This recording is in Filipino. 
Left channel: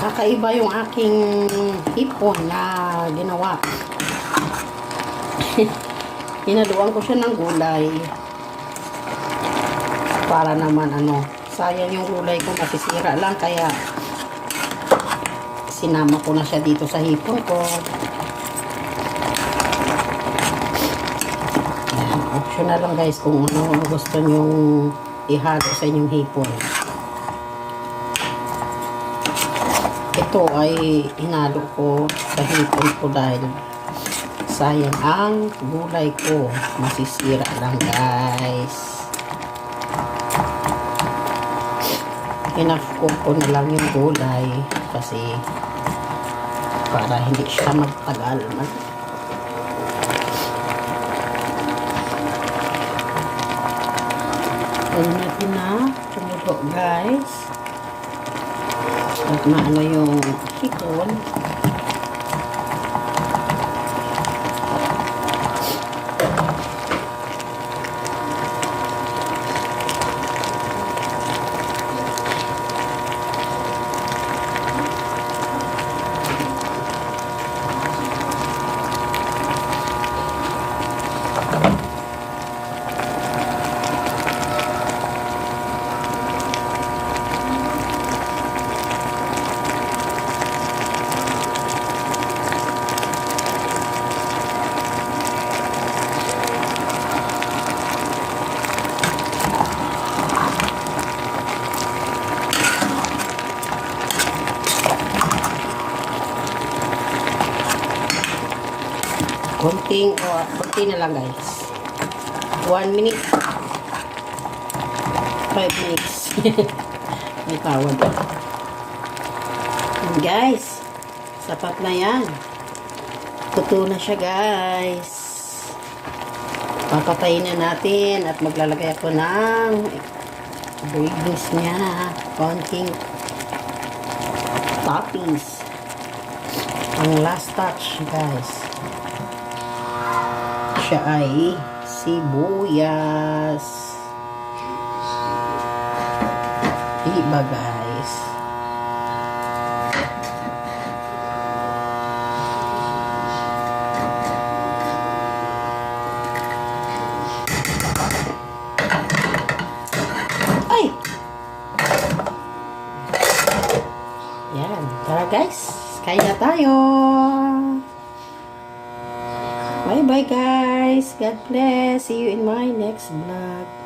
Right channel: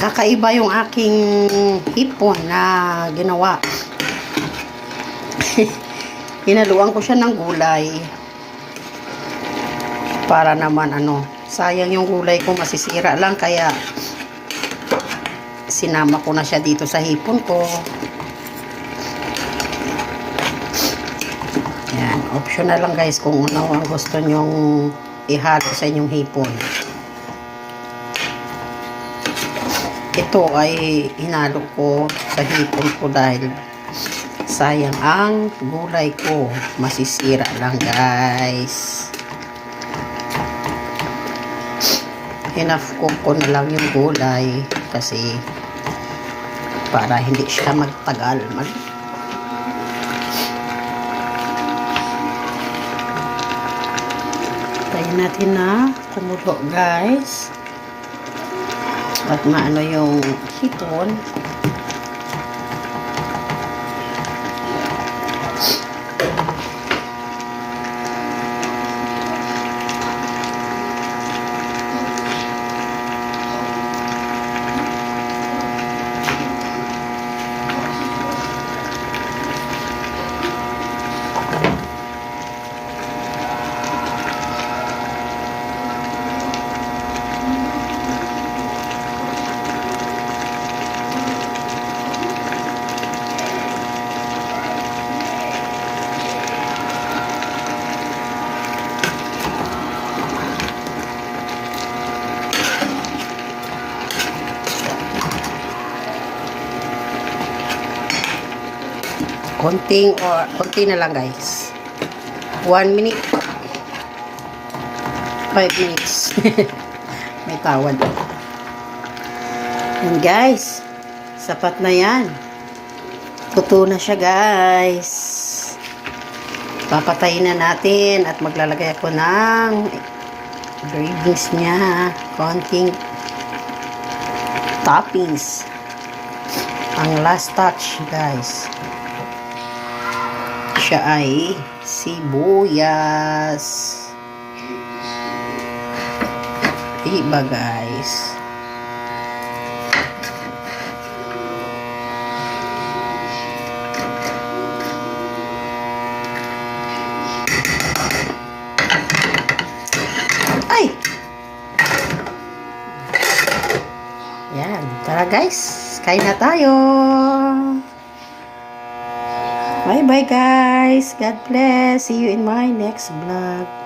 Kakaiba yung aking hipon na ginawa. Hinaluan ko siya ng gulay. Para naman sayang yung gulay ko, masisira lang, kaya sinama ko na siya dito sa hipon ko. Yan, optional lang guys kung ano ang gusto nyong ihalo sa inyong hipon. Ito ay hinalo ko sa hipon ko dahil sayang ang gulay ko, masisira lang guys. Enough ko na lang yung gulay kasi para hindi siya magtagal. Tayo natin na kumulo guys. At maano yung hipon. Konti na lang guys. 1 minute. 5 minutes. May tawad. And guys, sapat na yan. Tuto na siya guys. Papatayin na natin at maglalagay ako ng ingredients niya. Konting toppings. Ang last touch guys. Siya ay sibuyas. Iba guys. Ay! Yan. Tara guys. Kain na tayo. Bye bye guys. God bless. See you in my next vlog.